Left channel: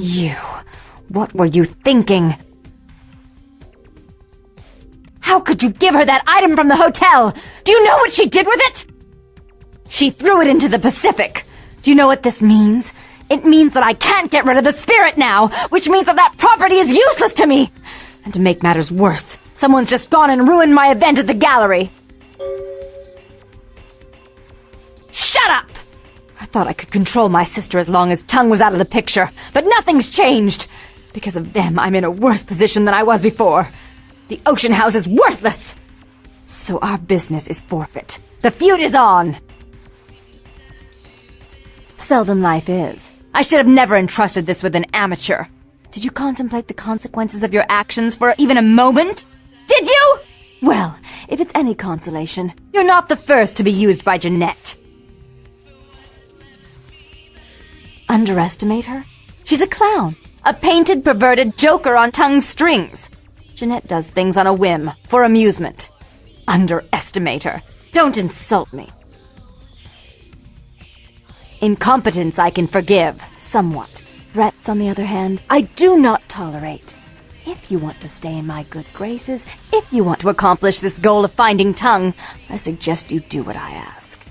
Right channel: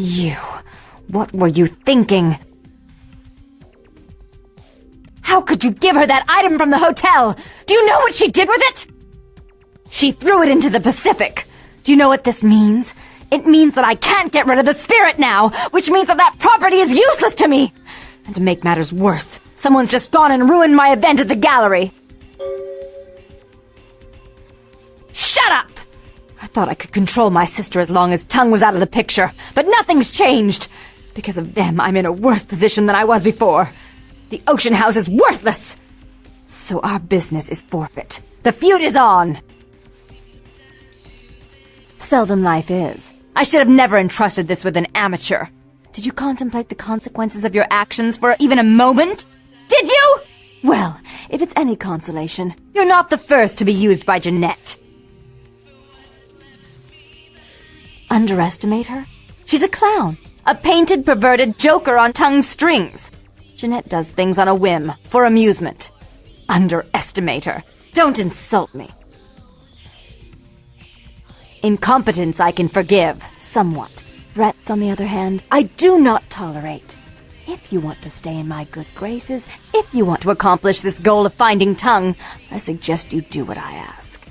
You... What were you thinking? How could you give her that item from the hotel? Do you know what she did with it? She threw it into the Pacific. Do you know what this means? It means that I can't get rid of the spirit now, which means that that property is useless to me. And to make matters worse, someone's just gone and ruined my event at the gallery. Shut up! I thought I could control my sister as long as Tongue was out of the picture, but nothing's changed. Because of them, I'm in a worse position than I was before. The Ocean House is worthless. So our business is forfeit. The feud is on. Seldom life is. I should have never entrusted this with an amateur. Did you contemplate the consequences of your actions for even a moment? Did you? Well, if it's any consolation, you're not the first to be used by Jeanette. Underestimate her? She's a clown. A painted, perverted joker on Tongue's strings. Jeanette does things on a whim, for amusement. Underestimate her. Don't insult me. Incompetence I can forgive, somewhat. Threats, on the other hand, I do not tolerate. If you want to stay in my good graces, if you want to accomplish this goal of finding Tongue, I suggest you do what I ask.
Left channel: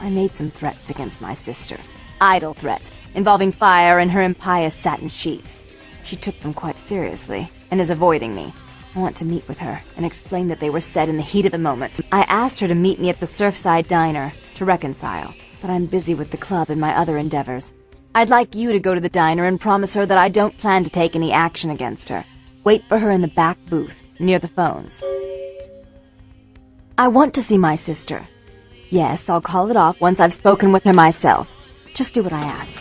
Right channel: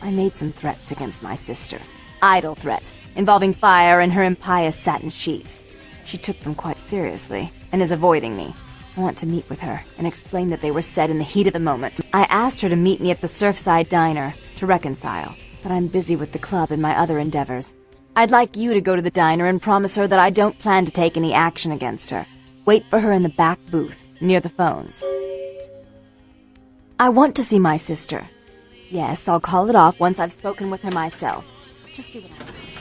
I made some threats against my sister. Idle threats, involving fire and her impious satin sheets. She took them quite seriously, and is avoiding me. I want to meet with her, and explain that they were said in the heat of the moment. I asked her to meet me at the Surfside Diner, to reconcile, but I'm busy with the club and my other endeavors. I'd like you to go to the diner and promise her that I don't plan to take any action against her. Wait for her in the back booth, near the phones. I want to see my sister. Yes, I'll call it off once I've spoken with her myself. Just do what I ask.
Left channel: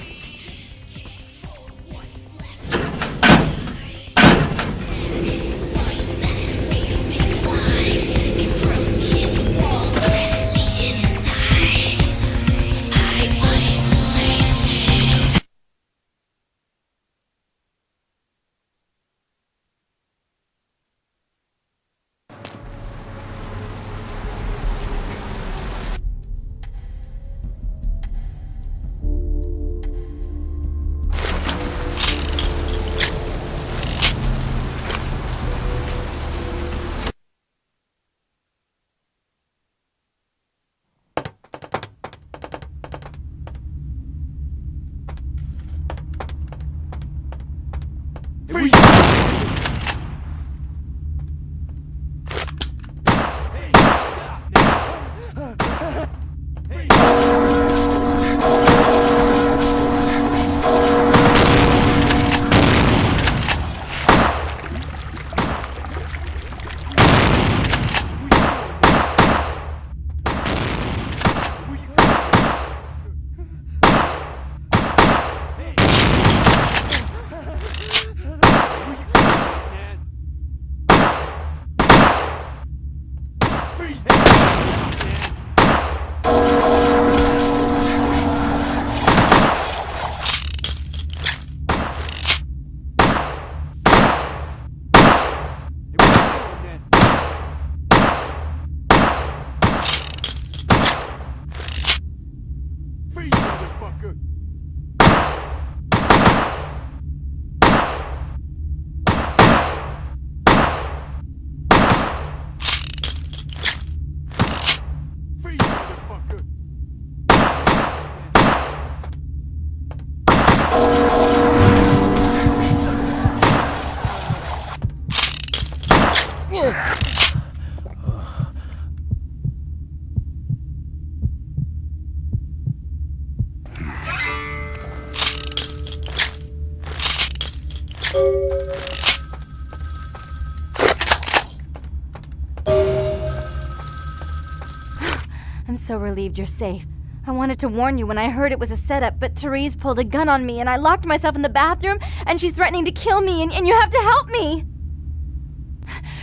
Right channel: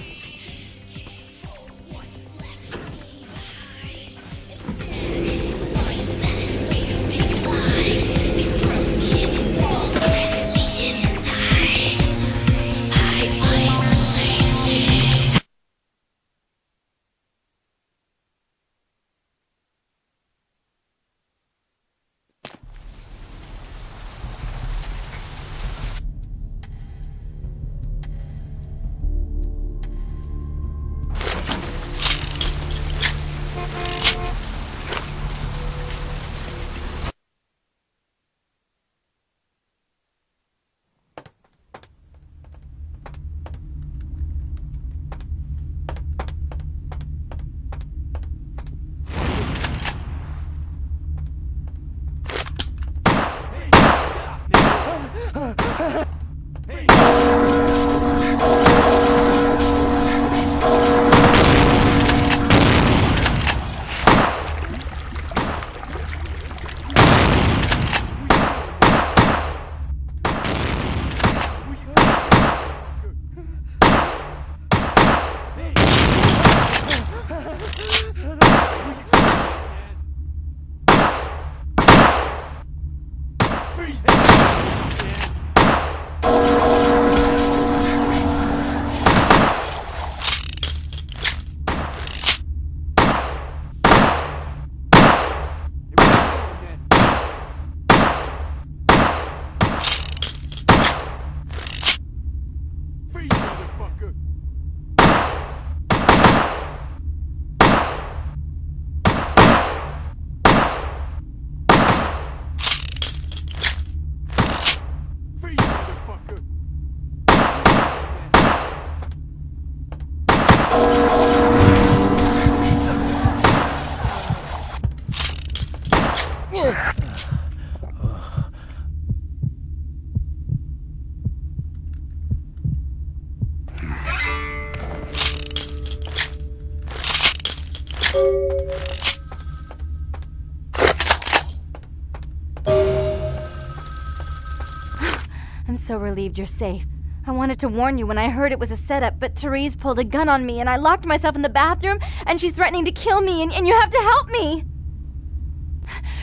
I'm so relieved you're safe. I wanted to warn you when I heard it was a setup, but Therese pulled a gun on me and I locked myself in the bathroom and she's threatening to kill me and you have to help me!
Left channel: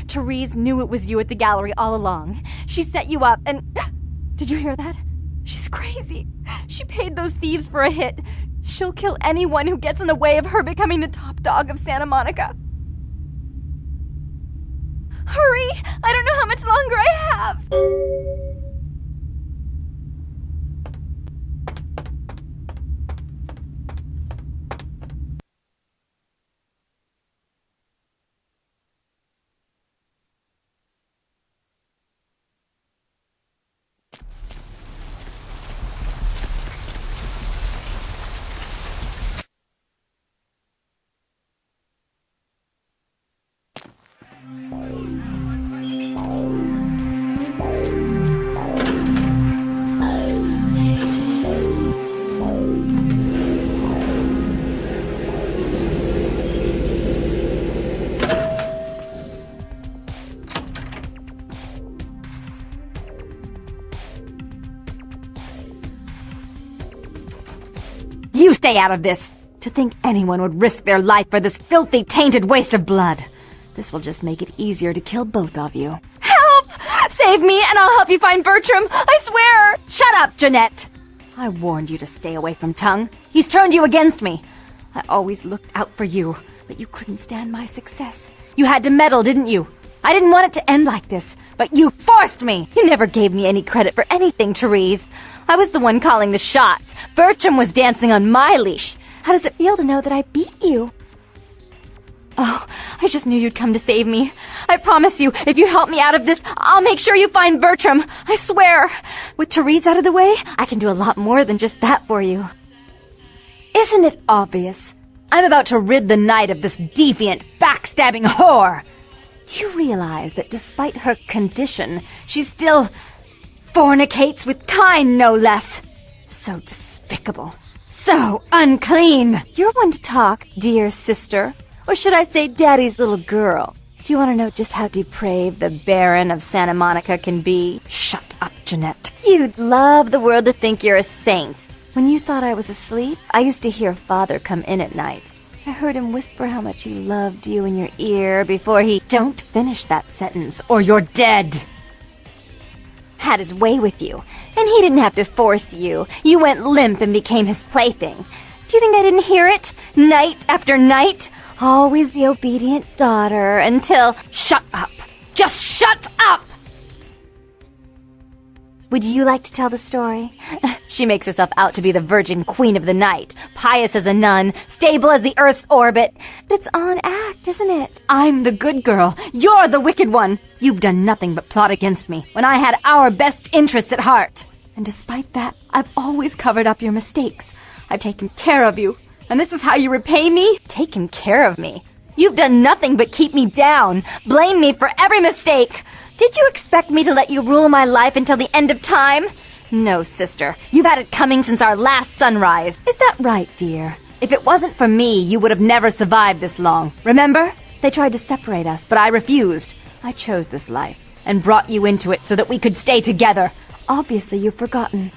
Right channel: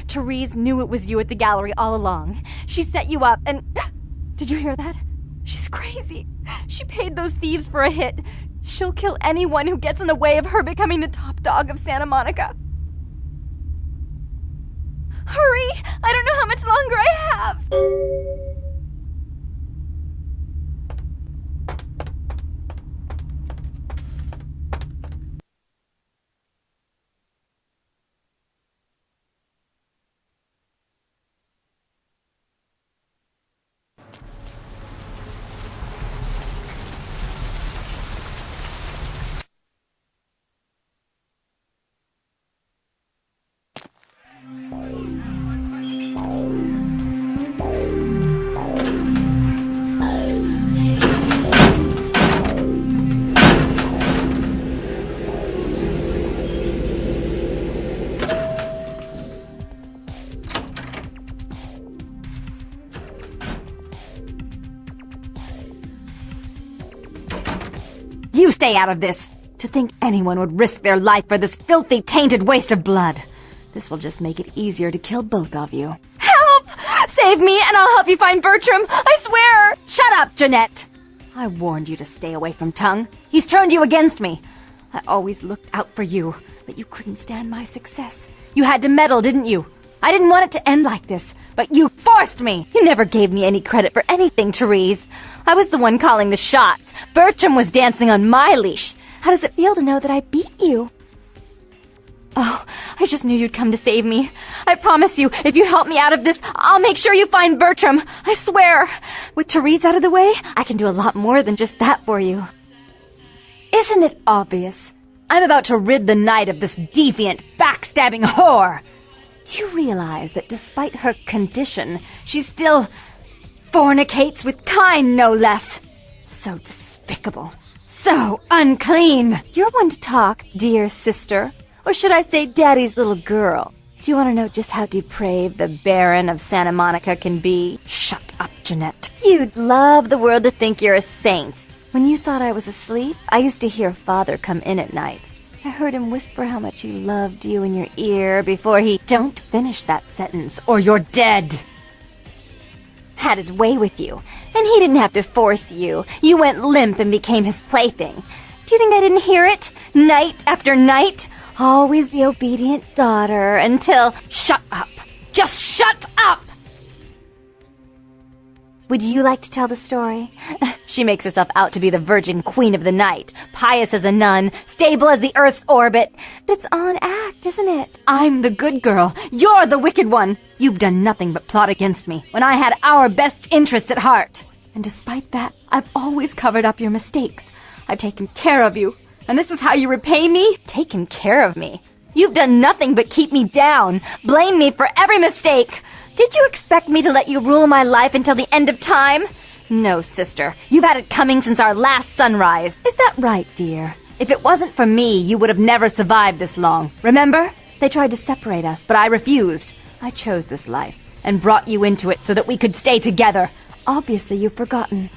Therese knew it was you at the gallery all along. She set you up and... Did you hear that? She's crazy. She paid those thieves for a hit. She'll kill anyone who gets in the way of her becoming the top dog of Santa Monica. Hurry! I don't know how much longer I have! stay out of this. To think anyone would risk their life for this filthy, tainted waste of blood. This will just make it easier to kill both of you. Help! Save me and I'll help you find Bertram. I swear! Shut up, Jeanette! I warned you to stay away from Tongue. He's turned you against me. I always looked out for you, but you couldn't stand my success. You had to meddle, didn't you? I didn't want it to end like this, but you forced me! You never gave me any credit for anything, Therese. I was the one calling the shots. Bertram was dancing on my leash. How does it feel to know that I beat you? Oh, I just knew you'd come to save me. I promise you, if you help me out of this, I'll make sure you find Bertram. I swear. With Therese out of the way, I can do a lot more than just that for you. Isn't it obvious? I'm about to rid the night of this deviant, backstabbing whore. Do you realize that despite her condition, she still fornicates with Kine, no less? So despicable. So unclean. You're one to talk, dear sister. Or should I say daddy's little girl? Do you want to know just how depraved the Baron of Santa Monica can be? Shut up, Jeanette. You'd love the world to think you're a saint. When you thought I was asleep, I used to hear Father come in at night. I heard him whisper how much he loved you in your ear before he... Don't finish that sentence, or you're dead. Had his way with you, and he didn't have to force you. You went limp and became his plaything. Do you think I didn't hear it? Night after night? Always the obedient daughter until... Shut up! Just shut up! Would you like to tell the story? She makes herself out to be the virgin queen of the night, pious as a nun, stable as the Earth's orbit. But it's all an act, isn't it? I'm the good girl. You're the wicked one. You've done nothing but plot against me when I had our best interests at heart. And despite that, I've always covered up your mistakes. I've taken care of you. And this is how you repay me? Taken care of me? You've done nothing but keep me down, blame me for every mistake. Did you expect me to let you rule my life until the end of time? No, sister. You've had it coming since our last sunrise. Is that right, dear? If it wasn't for me, you would have never survived this long. Remember? They tried to separate us, but I refused. I chose this life and brought you into it so that we could stay together. Obviously, you've forgotten.